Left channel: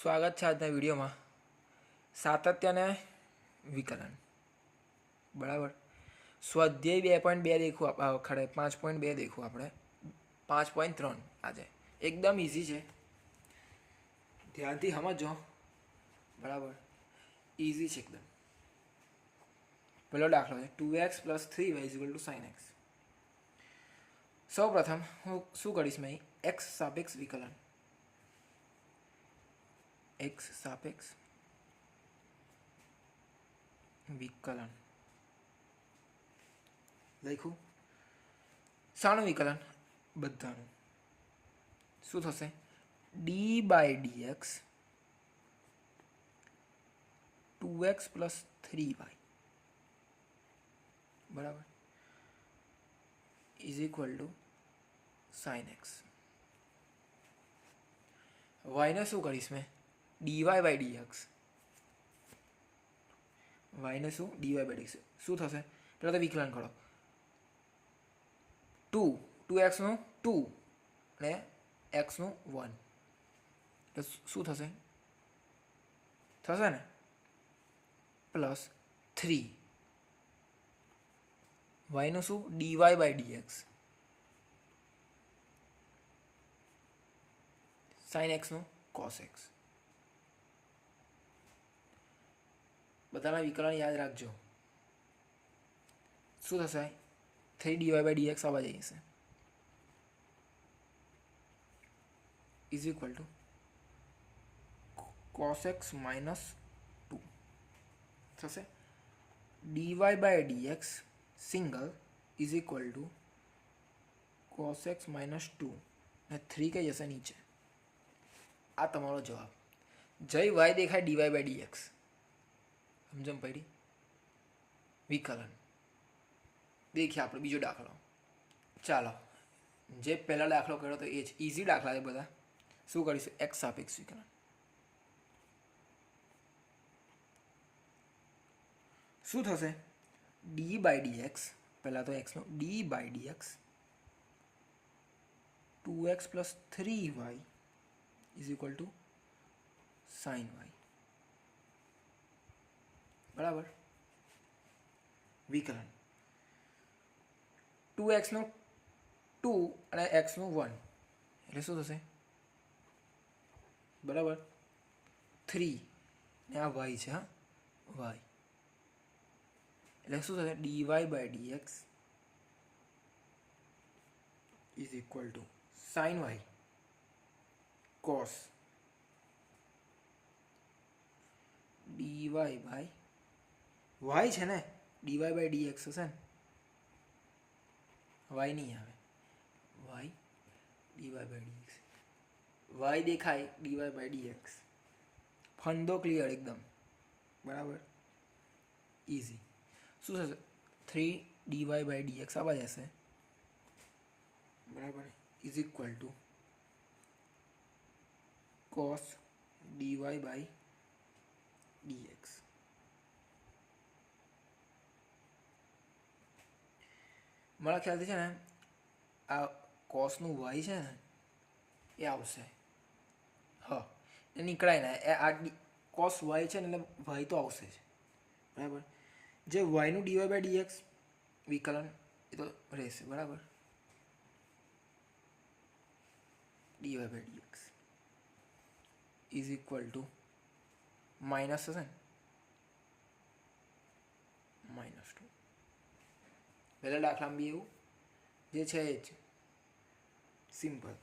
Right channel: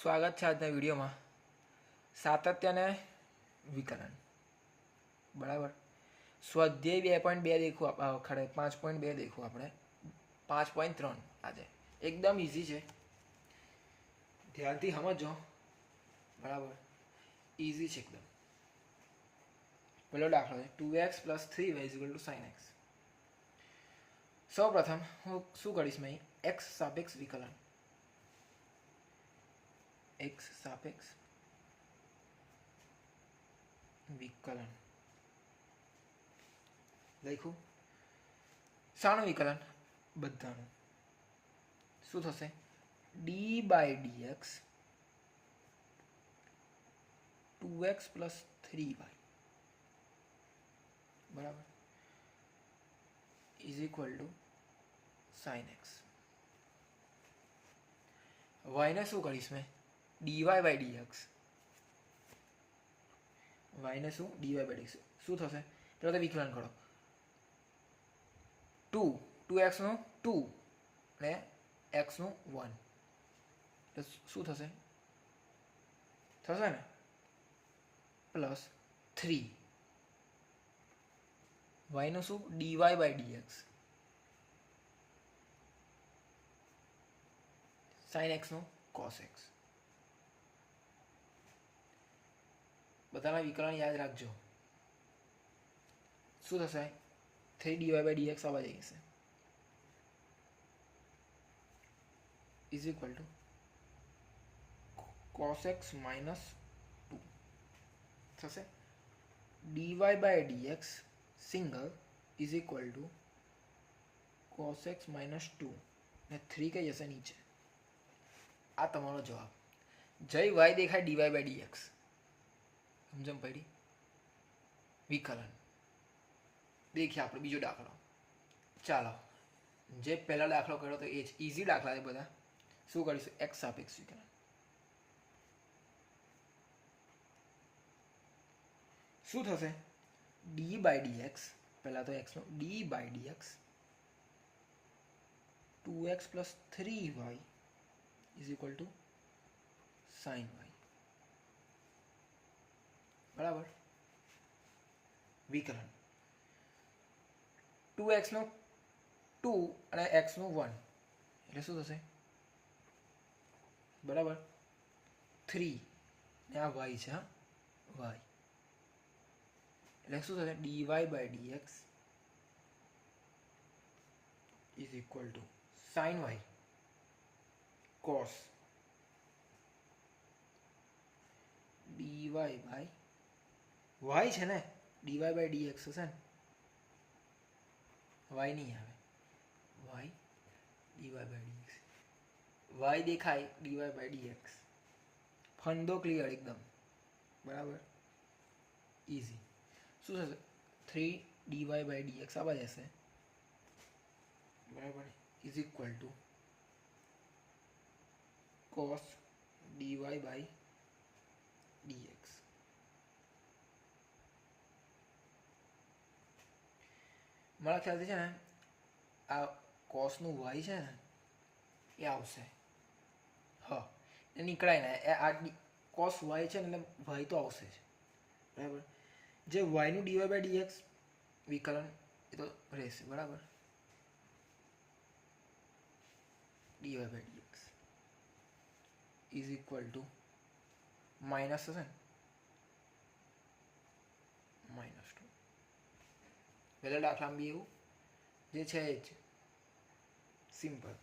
સ્વાગત છે આજના વિડીયોમાં. સાતત્ય અને વિકલન. બરાબર. સ્વાધ્યાય 2.2 દેખું ખરે 5.2 દેખું આપણે 5.3 આજે એકદમ ઇઝી છે, ધ્યાનથી સમજો. બરાબર, ઇઝી છે એકદમ. પેલો દાખલો છે 2x + 3y = sin x. સૌ પ્રથમ હું શું કરીશ, મેં x સાપેક્ષ વિકલન, x સાપેક્ષ વિકલન લખ્યું. શાનું વિકલન? બધાનું. શું થશે? d/dx 2x + 3y બરાબર = sin x. y ને શું કરીશ મેં? dy/dx. y ને શું? dy/dx. શું થશે? પેલા તો વિકલન કરો. 2x નું 2 અને x નું 1 એટલે શું થશે? થશે ને +3 y નું શું? dy/dx sin x નું cos x. બધાના વિકલન યાદ રાખજો. શું થશે? 3 dy/dx આવવા જશે = cos x - 2 થશે. dy/dx સિંગલ = cos x - 2 ને 3 કઈ જશે નીચે. આ તમારો જવાબ. જય y દેખાય dy/dx. સમજમ પડી? વિકલન. દેખીએ આપણે બીજો દાખલો. ચાલો, જે પહેલા દાખલો કર્યો તો એ જ ઇઝી દાખલા છે બધા. શું કરીશું? x સાપેક્ષ વિકલન. શું થશે? d/dx, પહેલા તો x નો d/dx 2x + 3y = sin y. બરાબર. વિકલન 2x નું 2 અને x નું 1 એટલે શું થશે? બરાબર 3 ને આ y છે, હા y એટલે શું થશે? dy/dx = sin y cos dy/y છે ને, dy/dx હશે ને, y નહીં આવે, y dy/dx, y દેખાય dy/dx. ફંદો ક્લિયર એકદમ. બરાબર, ઇઝી. શું થશે? 3 dy/dx આવવા જશે. બરાબર = cos dy/dx. મારા ખ્યાલથી છે ને આ કોસનું y છે ને એ આવશે. હા, એ નીકળાય ને, આ કોસ y છે ને એટલે y તો આવશે જ. બરાબર. જે y નું dy/dx વિકલન એ તો રહેશે. બરાબર, dy/dx = માઇનસ થશે ને, -2. પહેલા દાખલામાં બી એવું જે છે એ જ સિમ્પલ.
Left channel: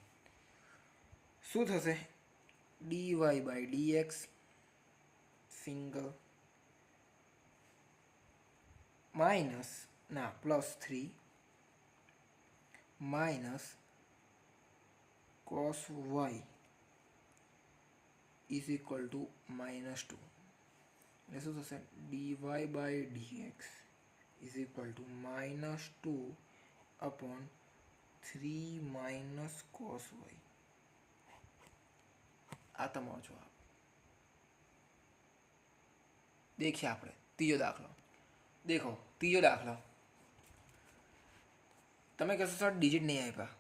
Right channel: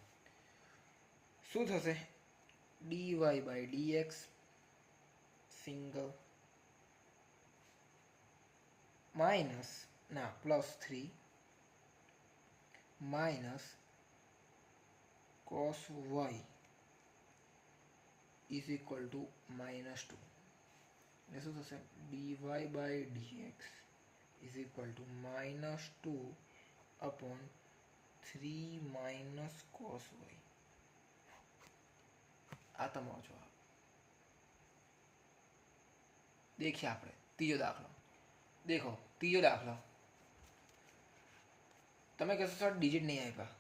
શું થશે? dy/dx સિંગલ +3 - cos y = -2 એટલે શું થશે? dy/dx = -2/3 - cos y. આ તમારો જવાબ. દેખીએ આપણે ત્રીજો દાખલો. દેખો ત્રીજો દાખલો. તમે કહેશો સર ડિજિટ નહીં આપ્યા.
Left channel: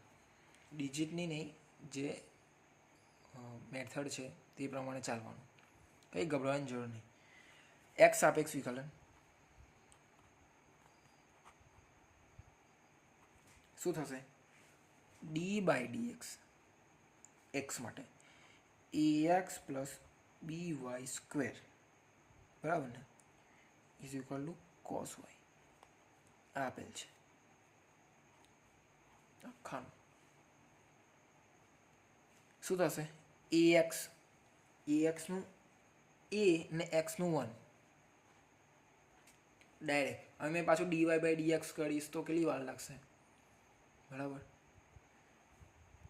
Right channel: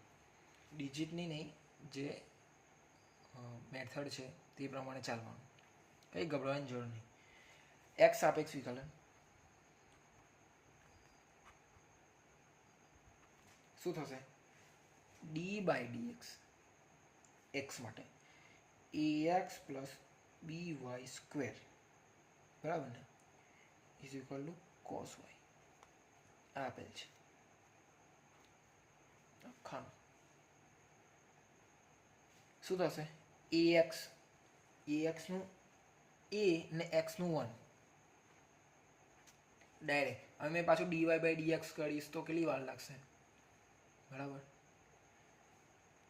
ડિજિટની નહીં, જે મેથડ છે તે પ્રમાણે ચાલવાનું, કંઈ ગભરાવાની જરૂર નહીં. એક્સ સાપેક્ષ વિકલન શું થશે? ડી બાય ડી એક્સ માટે a x plus b y square, બરાબર ને, is equal to cos y આપેલ છે. ખાનું શું થશે? એ એક્સનું એ ને એક્સનું 1 ડાયરેક્ટ. હવે મેં પાછું ડીવાય બાય ડીએક્સ કરીશ તો કેટલી વાર લાગશે? બરાબર,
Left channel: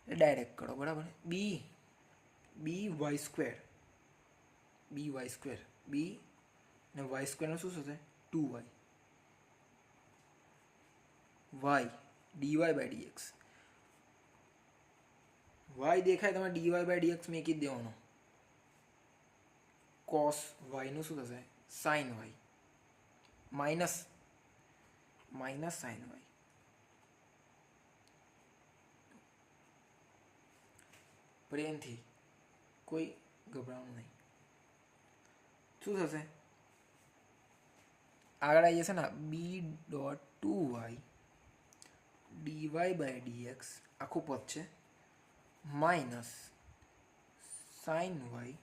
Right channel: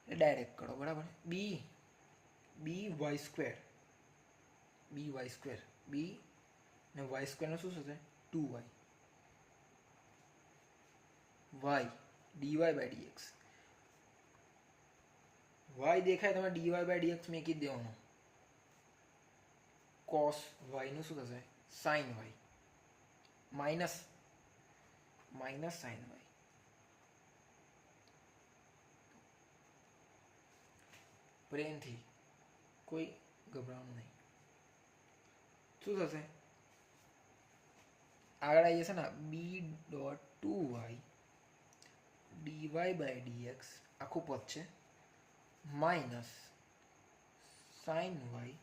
ડાયરેક્ટ કરો. બરાબર, બી વાય સ્ક્વેર બી ને વાય સ્ક્વેરનું શું થશે? 2y y DY by d x. Y દેખાય તમે ડીવાય બાય ડીએક્સ મેકી જ દેવાનો. કોસ વાયનું શું થશે? Sine y minus sine y. પ્રેમથી, કોઈ ગભરાવાનું નહીં. શું થશે? આગળ આવી જશે ને B dot 2y dy by dx આખું પદ છે minus sine y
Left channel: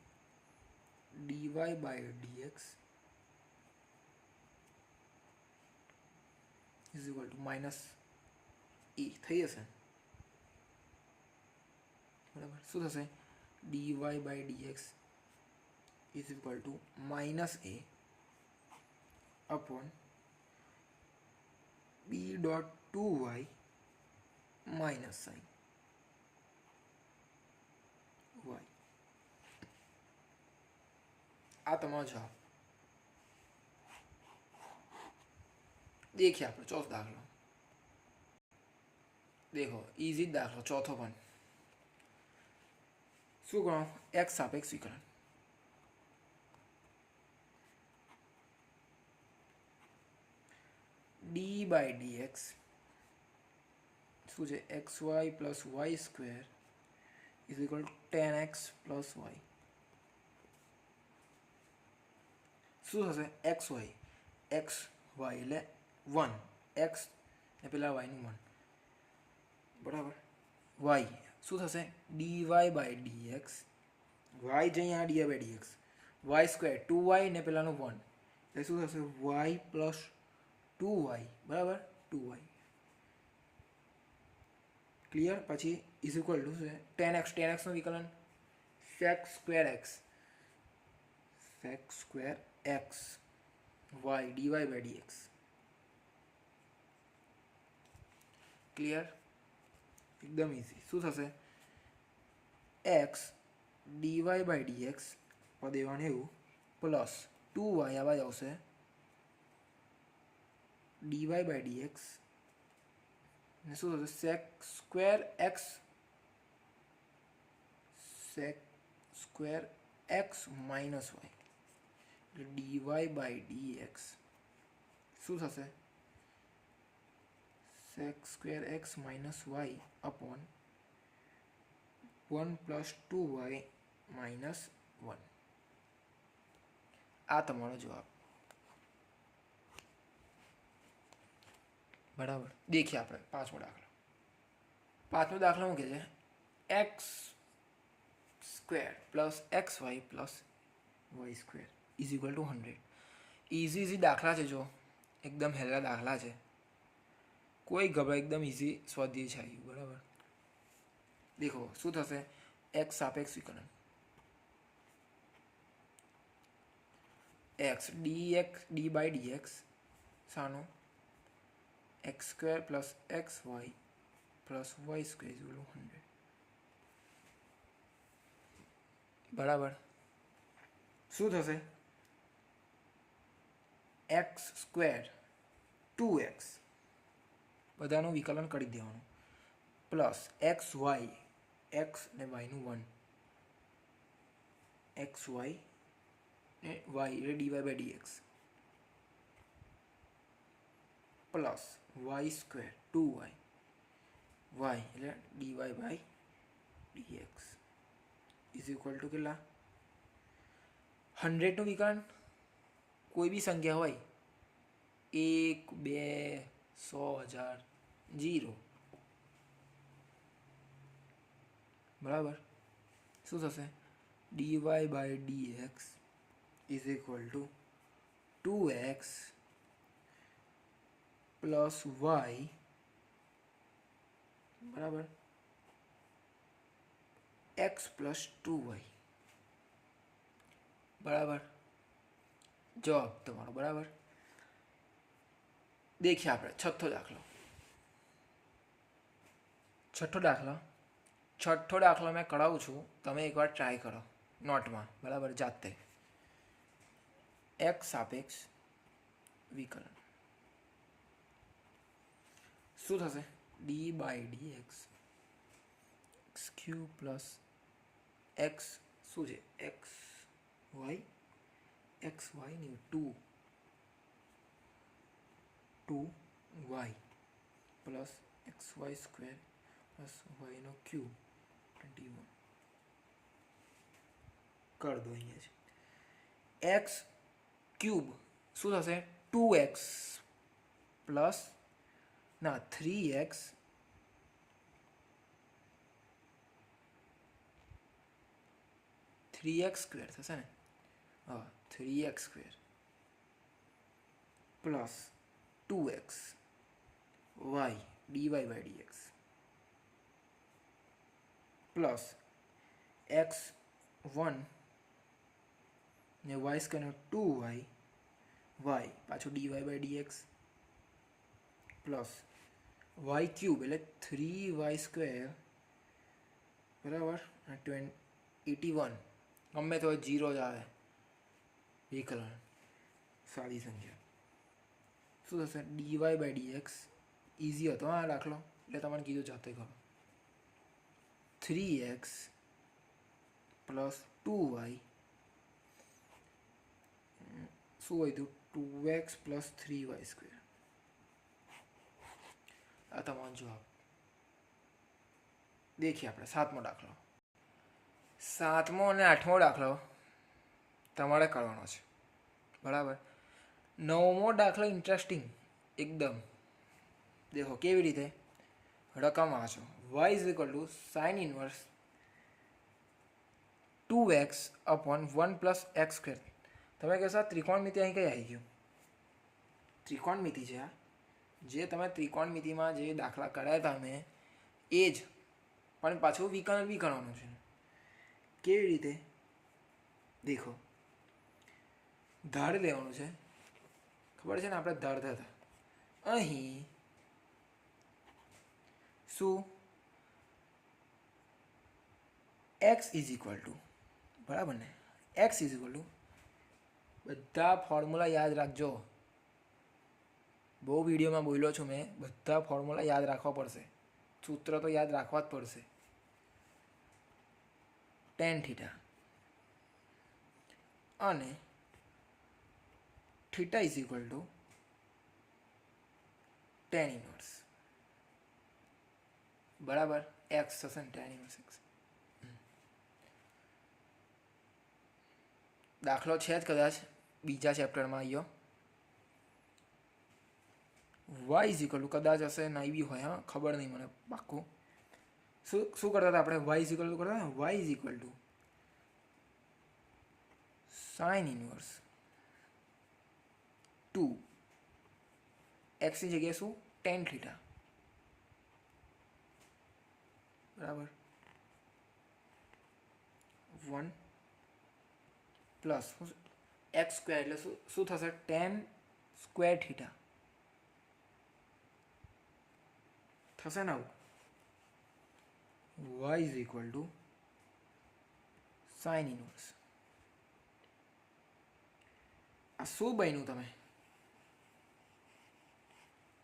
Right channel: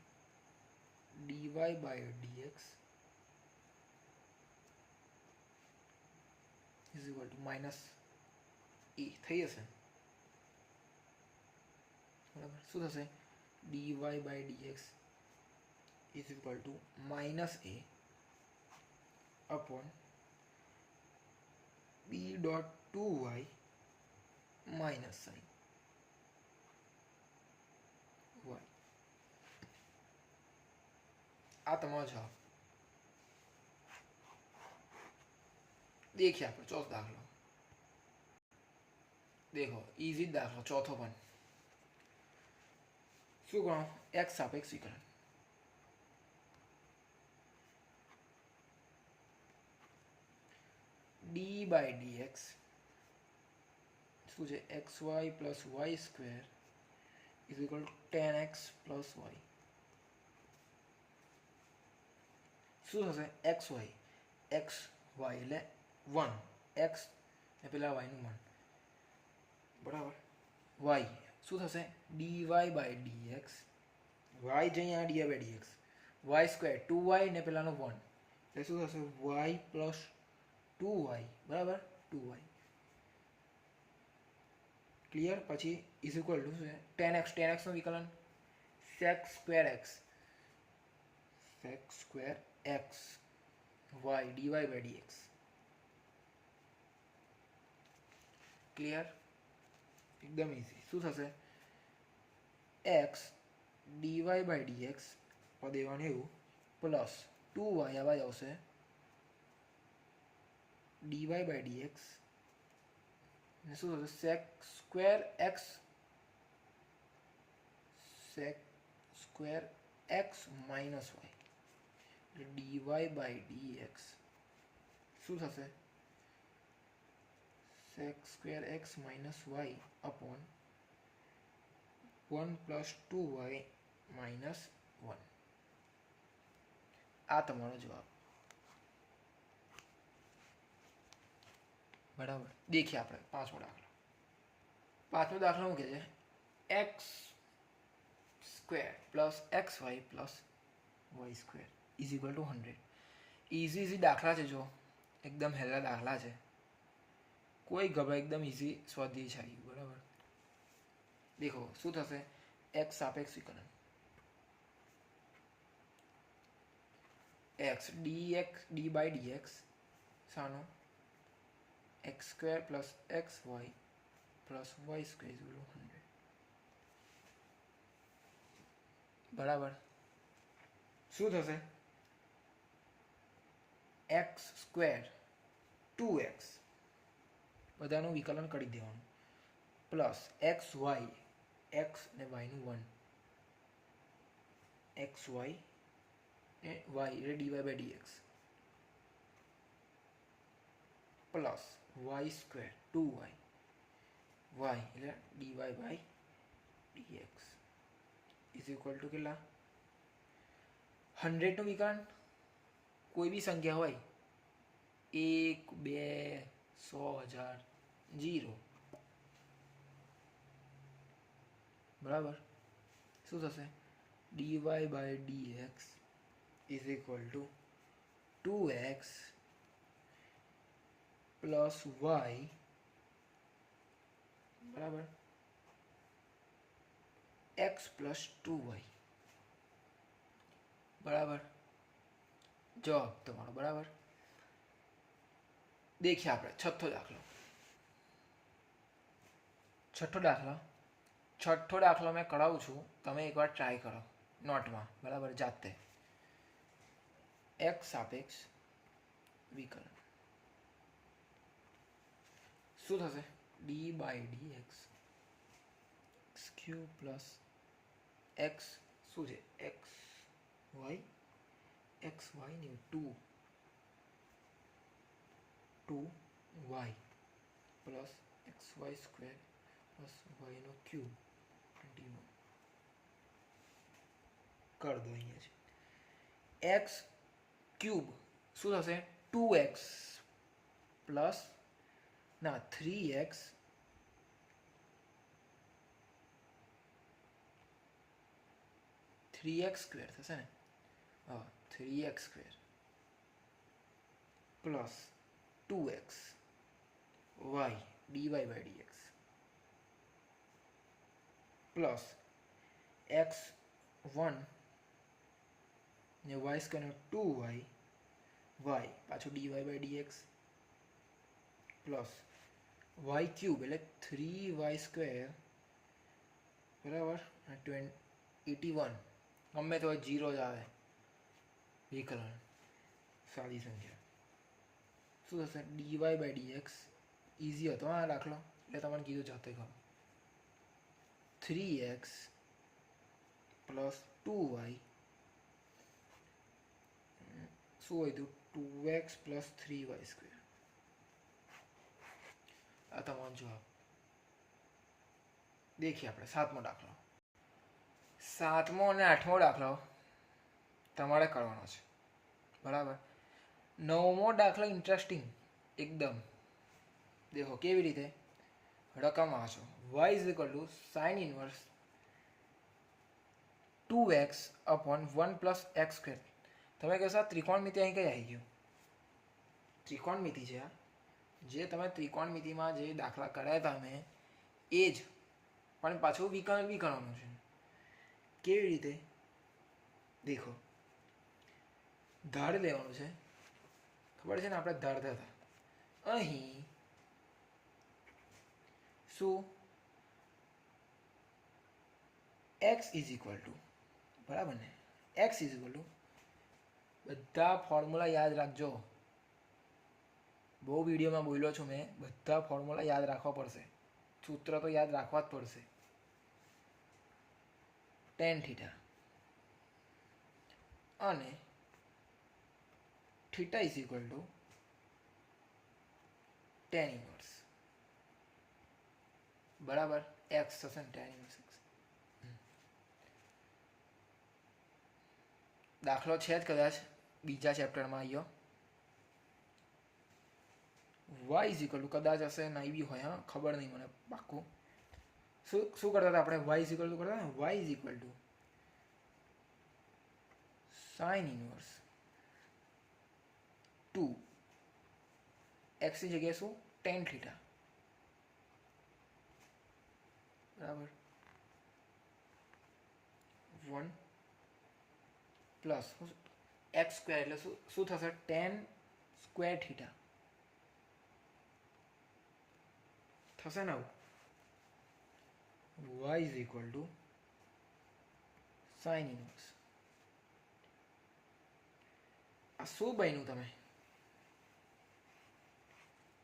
DY by dx is equal to minus A થઈ જશે. બરાબર, શું થશે? Dy by dx is equal to minus A upon B dot 2y minus sine y. आ તમારો જવાબ. देखिए આપણે ચોથો દાખલો देखो, इजी दाखलो चौथो पण શું કરો? x સાપેક્ષ વિકલન d by dx શું છે? xy plus y square is equal to 10x plus y. શું થશે? xy એટલે 1 x ને પેલા y નું 1, બરાબર. y શું થશે? dy બાય dx y જઈ અહીંયા dy by dx y square 2y ને પેલાનું 1 એટલે શું થશે? y પ્લસ 2y, બરાબર, 2y ક્લિયર. પછી ઇઝ ઇક્વલ ટુ શું છે? 10x નું વિકલન sec square x y dy by dx. Clear, એકદમ ઇઝી. શું થશે? x dy બાય dx પદ એવાનું એવું પ્લસ 2y આવા જ આવશે dy બાય dx ને શું થશે? sec square x minus y એટલે dy બાય dx શું થશે? sec square x minus y upon 1 plus 2y minus 1. આ તમારો જવાબ. બરાબર, देखिए આપણે પાંચમો દાખલો શું કહે છે? X square plus x y plus y square is equal to 100. Easy દાખલા છે, જો એકદમ હેલા દાખલા છે, કોઈ ગભરા, એકદમ ઇઝી સ્વાધ્યાય છે આવ્યું. બરાબર, દેખો શું થશે? એક્સ સાપેક્ષ વિકલન એક્સ ડી બાય ડીએક્સ શાનું? X square plus x y plus y square is equal to 100. બરાબર, શું થશે? એક્સ સ્ક્વેર 2x બધાનું વિકલન કરી દેવાનું પ્લસ એક્સ વાય એક્સ ને વાયનું 1 એક્સ વાય એટલે dy by dx plus y square 2y y એટલે dy by dx is equal to કેટલા? 100નું વિકર્ણ કોઈ બી સંખ્યા હોય, 1, 2, 100, 1000, 0, બરાબર. શું થશે? dy by dx is equal to 2x plus y, બરાબર, x પ્લસ 2y, બરાબર. જવાબ તમારો બરાબર. દેખીએ આપણે છઠ્ઠો દાખલો મેં કરાવું છું, તમે એકવાર ટ્રાય કરો નોટમાં, બરાબર, જાતે. x સાપેક્ષ વિકલન શું થશે? d by dx x cube plus x શું છે? x y નહીં, 2y પ્લસ xy સ્ક્વેર પ્લસ yનો ક્યુબ 21 કરી દો. અહીંયા છે x ક્યુબ શું થશે? 2x પ્લસ 3x સ્ક્વેર થશે ને? હા, 3x square plus 2x y dy by dx plus x1 ને y સ્ક્વેર 2y પાછું dy by dx plus y cube એટલે 3y સ્ક્વેર, બરાબર, 81, ગમે તો 0 જ આવે વિકલન, સાદી સંખ્યા. શું થશે? dy બાય dx ઇઝી હતો આ દાખલો, એટલે તમારે કીધું જાતે કરો. 3x પ્લસ 2y શું હોય હતું? 2x plus 3y square. આ તમારો જવાબ. દેખીએ આપણે સાતમો દાખલો અને આઠમો દાખલો તમારે કરવાનો છે, બરાબર. નવમો દાખલો ઇન્ટરેસ્ટિંગ એકદમ. દેખો કેવી રીતે રકમ વાંચો. y is equal to sine inverse 2x upon 1 plus x square. તમે કહેશો ત્રિકોણમિતિ અહીં કઈ આવી ગયું? ત્રિકોણમિતિ છે આ. જે તમે ત્રિકોણમિતિમાં જે દાખલા કર્યા હતા મેં એ જ, પણ પાછું વિકલન બી કરવાનું છે. કેવી રીતે? દેખો, ધાર લેવાનું છે, ખબર છે ને, આપણે ધારતા હતા. અહીં શું? x ઇઝ ઇક્વલ ટુ, બરાબર ને, x ઇઝ ઇક્વલ ટુ, બધા ફોર્મ્યુલા યાદ રાખજો. બહુ વિડીયોમાં બોલ્યો છું મેં, બધા ફોર્મ્યુલા યાદ રાખવા પડશે, સૂત્ર તો યાદ રાખવા જ પડશે. tan થીટા અને theta is equal two tan inverse, બરાબર, x થશે ને tan ઇનવર્સ x. દાખલો છે જ કદાચ બીજા ચેપ્ટરમાં આવ્યો. y ઇઝ ઇક્વલ ટુ કદાચ હશે, નહીં બી હોય, હા, ખબર નહીં મને પાક્કું. શું કરતા હતા આપણે? y ઇઝ ઇક્વલ ટુ કરતા હતા, y is equal to sine inverse 2 x ની જગ્યાએ શું? tan થીટા, બરાબર, 1 પ્લસ x સ્ક્વેર એટલે શું થશે? tan સ્ક્વેર થીટા થશે ને. y is equal to sine inverse. આ શું બન્યું? તમે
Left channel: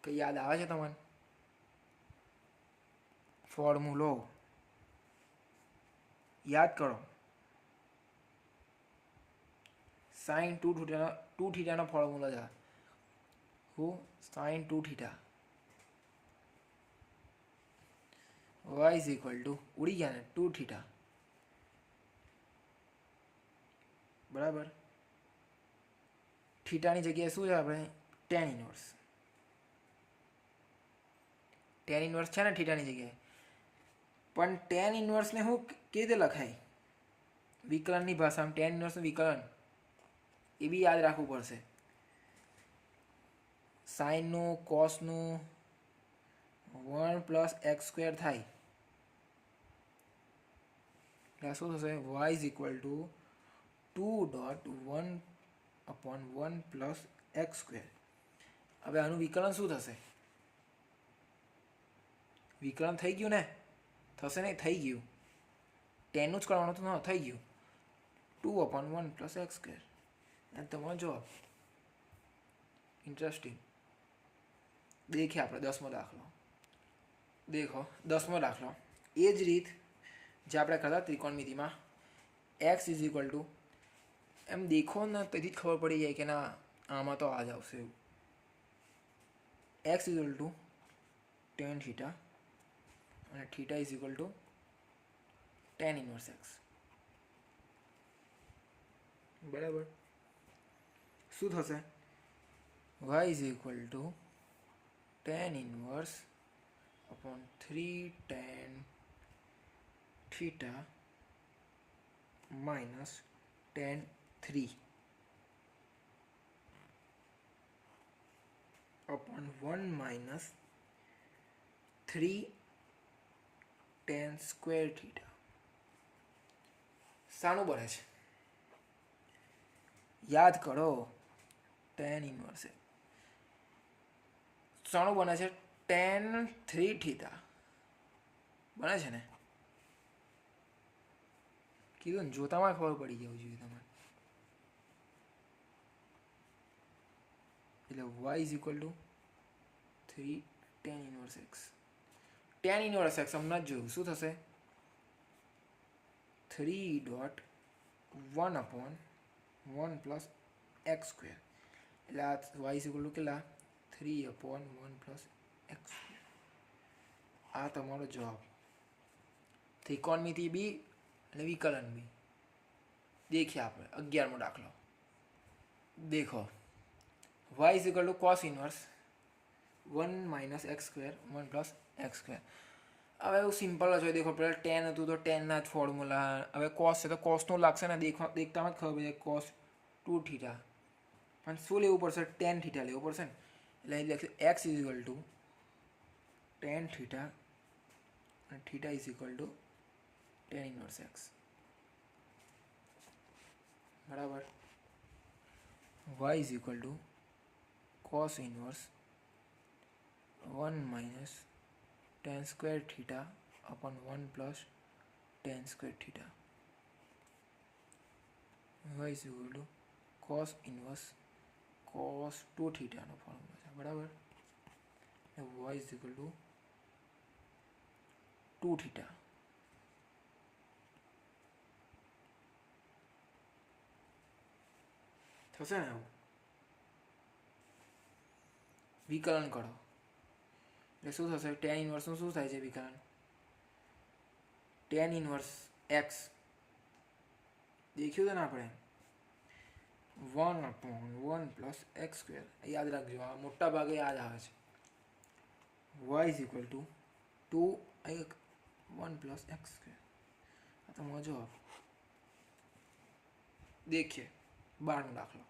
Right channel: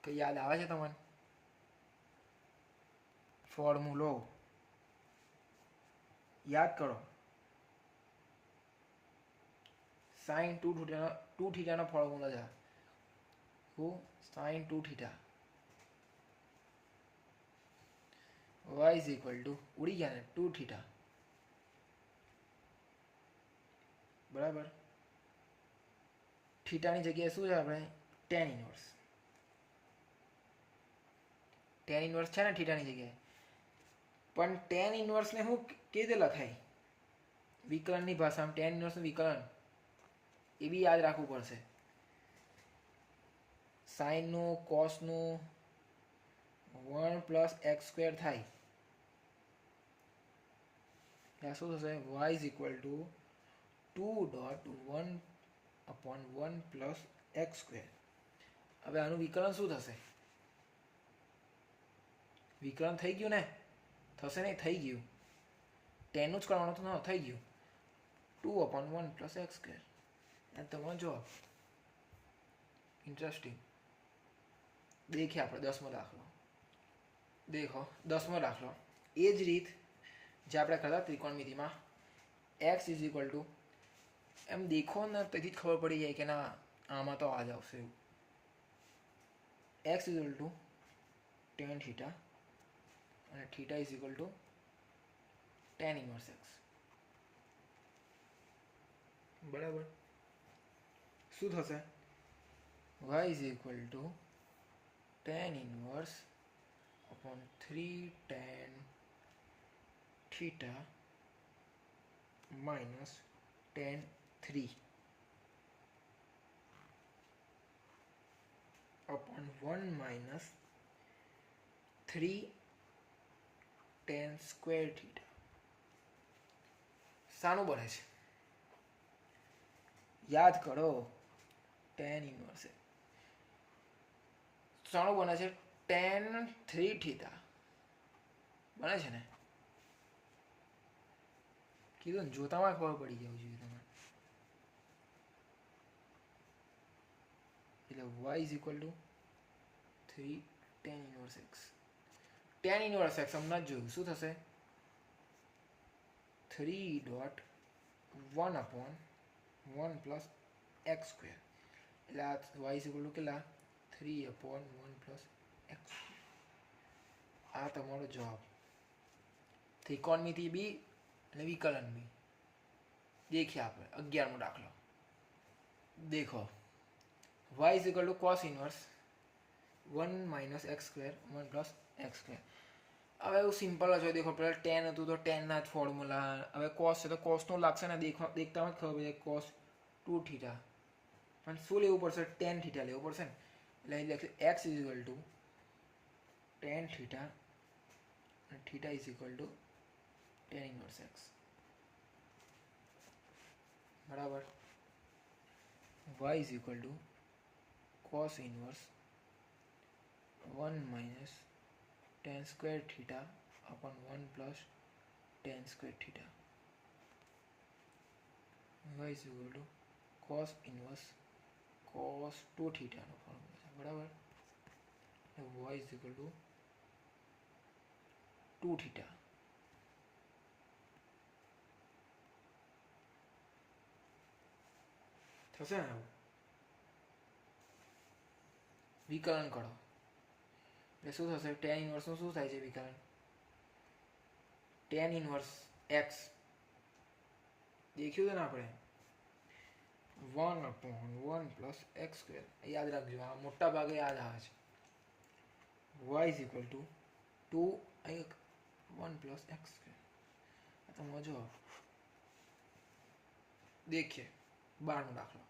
કઈ યાદ આવે છે તમને? ફોર્મ્યુલો યાદ કરો. સાઇન 2 થીટાનો ફોર્મ્યુલો છે. હું sine 2 theta y is equal to ઉડી ગયા ને 2 થીટા, બરાબર, થીટાની જગ્યાએ શું છે આપણે ટેન ઇન્વર્સ. ટેન ઇન્વર્સ છે ને થીટાની જગ્યાએ, પણ ટેન ઇન્વર્સને હું કેવી રીતે લખાય વિકલનની ભાષામાં? ટેન ઇન્વર્સનું વિકલન એ બી યાદ રાખવું પડશે. સાઇનનું કોસનું 1 પ્લસ એક્સ સ્ક્વેર થાય એટલે શું થશે? y is equal two 2.1/1 plus x square. હવે આનું વિકલન શું થશે? વિકલન થઈ ગયું ને? થશે ને? થઈ ગયું. ટેનનું જ કરવાનું હતું ને? થઈ ગયું. 2/1 પ્લસ એક્સ સ્ક્વેર. અને તમારો જવાબ. ઇન્ટરેસ્ટિંગ. દેખીએ આપણે 10મો દાખલો. દેખો 10મો દાખલો. એ જ રીત જે આપણે કરતા ત્રિકોણમિતિમાં એક્સ ઇઝ ઇક્વલ ટુ, એમ દેખો ને તેથી જ ખબર પડી જાય કે ના આમાં તો આ જ આવશે એવું. X is equal to tan theta અને theta is equal to tan inverse x. બરાબર. શું થશે? y is equal to tan inverse upon 3 tan theta minus tan 3 upon 1 minus 3 tan square theta. શાનું બને છે? યાદ કરો. tan ઇન્વર્સ શાનું બને છે? tan 3 થીટા બને છે ને? કીધું ને, જોતામાં ખબર પડી જવું જોઈએ તમારે. એટલે y is equal two 3 tan inverse x. tan inverse x હમણાં જ જોયું. શું થશે? 3.1/1 પ્લસ એક્સ સ્ક્વેર. એટલે આ y ઇઝ ઇક્વલ ટુ કેટલા? 3/1 પ્લસ એક્સ. આ તમારો જવાબ. ત્રિકોણમિતિ બી અને વિકલન બી. देखिए આપણે 11મો દાખલો. देखो y is equal to cos inverse 1 minus x square 1 plus x square. હવે એવું સિમ્પલ જ હોય. દેખો પહેલાં ટેન હતું તો ટેનના જ ફોર્મ્યુલા. હવે કોસ છે તો કોસનું લાગશે ને? દેખતામાં જ ખબર પડી જાય કોસ 2 થીટા. પણ શું લેવું પડશે? ટેન થીટા લેવું પડશે ને? એટલે અહીં લખશે x is equal to tan theta અને theta is equal to tan inverse x. બરાબર. y is equal to cos inverse 1 minus tan square theta upon 1 plus tan square theta. y is equal to cos inverse cos 2 theta નો formula છે. બરાબર. y is equal to 2 theta. થશે ને? એવું વિકલન કરો એટલે શું થશે? ટેન ઇન્વર્સનું શું થાય છે વિકલન? ટેન ઇન્વર્સ એક્સ દેખ્યું છે ને આપણે? 1/1 પ્લસ એક્સ સ્ક્વેર. યાદ રાખજો, આ મોટા ભાગે યાદ આવે છે. y is equal two 1 plus x square. તો મજો. देखिए 12મો દાખલો.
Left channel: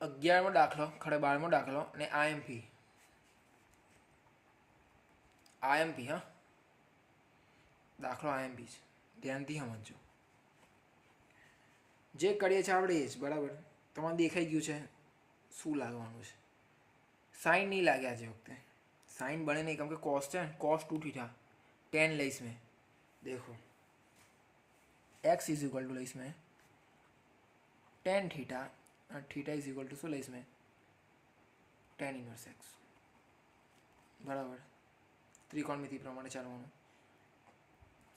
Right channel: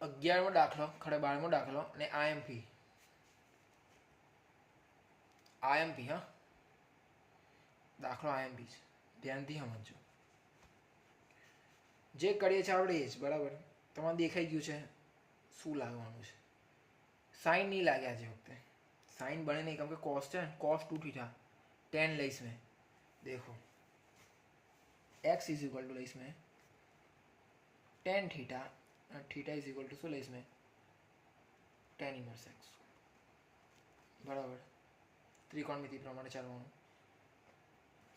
11મો દાખલો ખરે 12મો દાખલો અને આઈએમપી. આઈએમપી હા, દાખલો આઈએમપી છે. ધ્યાનથી સમજો. જે કરીએ છીએ આપણે એ જ. બરાબર. તમારે દેખાઈ ગયું છે શું લાગવાનું છે. સાઈન નહીં લાગ્યા છે વખતે. साइन बने नहीं क्योंकि कॉस है, cos 2 थीटा 10 ले इसमें. देखो x इज इक्वल टू इसमें 10 थीटा और थीटा इज इक्वल टू ले इसमें 10 इनवर्स x. बराबर. त्रिकोणमिति प्रमाणे चालવાનું.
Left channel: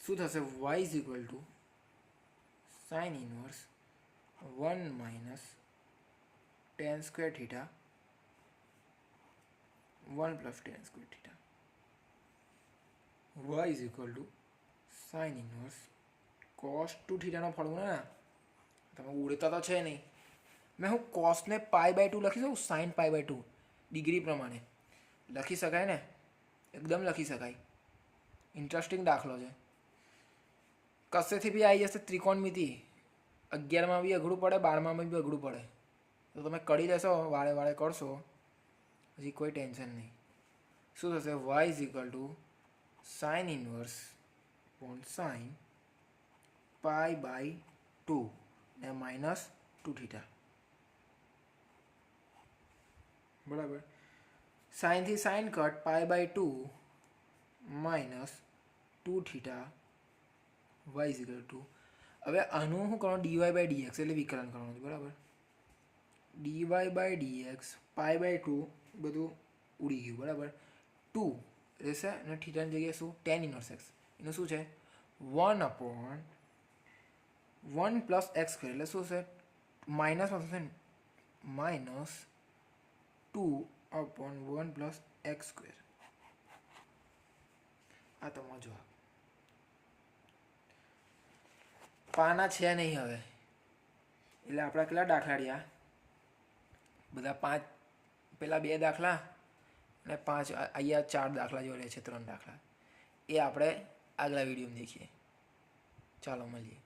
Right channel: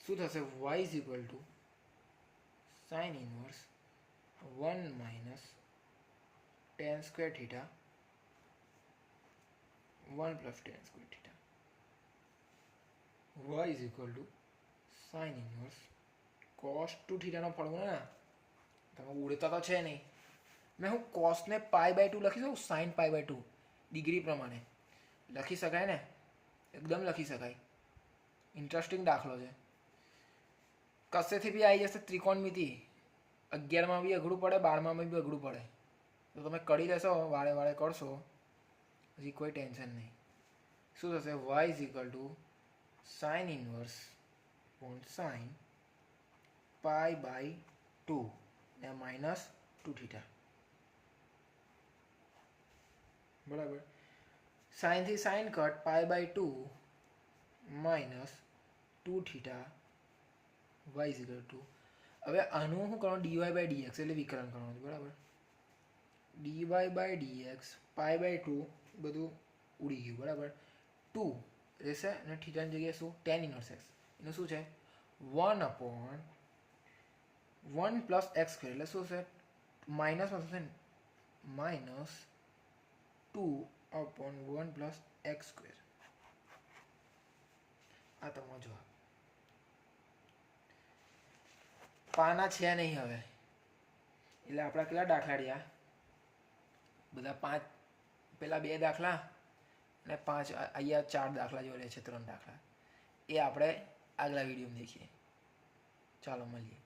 શું થશે? y is equal to sin inverse 1 minus 10 square theta 1 plus 10 square theta. y is equal to sin inverse cos 2 theta નો formula. તમે ઉડતા તો છે નહીં મેં હું કોસને પાઈ બાય ટુ લખી દઉં, sine pi by two degree પ્રમાણે લખી શકાય ને, એકદમ લખી શકાય. ઇન્ટરેસ્ટિંગ દાખલો છે. કશેથી બી આવી જશે ત્રિકોણમિતિ. 11માં બી અઘરું પડે, 12માં બી અઘરું પડે. તો તમે કરી લેશો, વાળે વાળે કરશો, હજી કોઈ ટેન્શન નહીં. શું થશે? Y is equal to sine inverse પોન સાઇન પાઈ બાય ટુ ને માઇનસ 2θ. બરાબર. સાઇનથી sine cut, pi by two minus 2θ y is equal to. હવે આનું શું કરવાનું? ડીવાય બાય ડીએક્સ એટલે વિકલન કરવાનું. બરાબર. Dy by dx pi by two બધું ઉડી ગયું. બરાબર. 2 રહેશે અને થીટાની જગ્યાએ શું? Tan inverse x. એનું શું છે? 1/1 પ્લસ એક્સ સ્ક્વેર એટલે શું છે? માઇનસમાં થશે ને, માઇનસ 2/1 પ્લસ એક્સ સ્ક્વેર. આ તમારો જવાબ. પાના છે નહીં હવે, એટલે આપણા કેટલા દાખલા રહ્યા? બધા 5, પેલા 2 દાખલા અને 5, અહીંયા 4 દાખલા જોડે છે, 3 દાખલા. એ આપણે આગલા વિડીયોમાં દેખીએ. ચાલો મળીએ.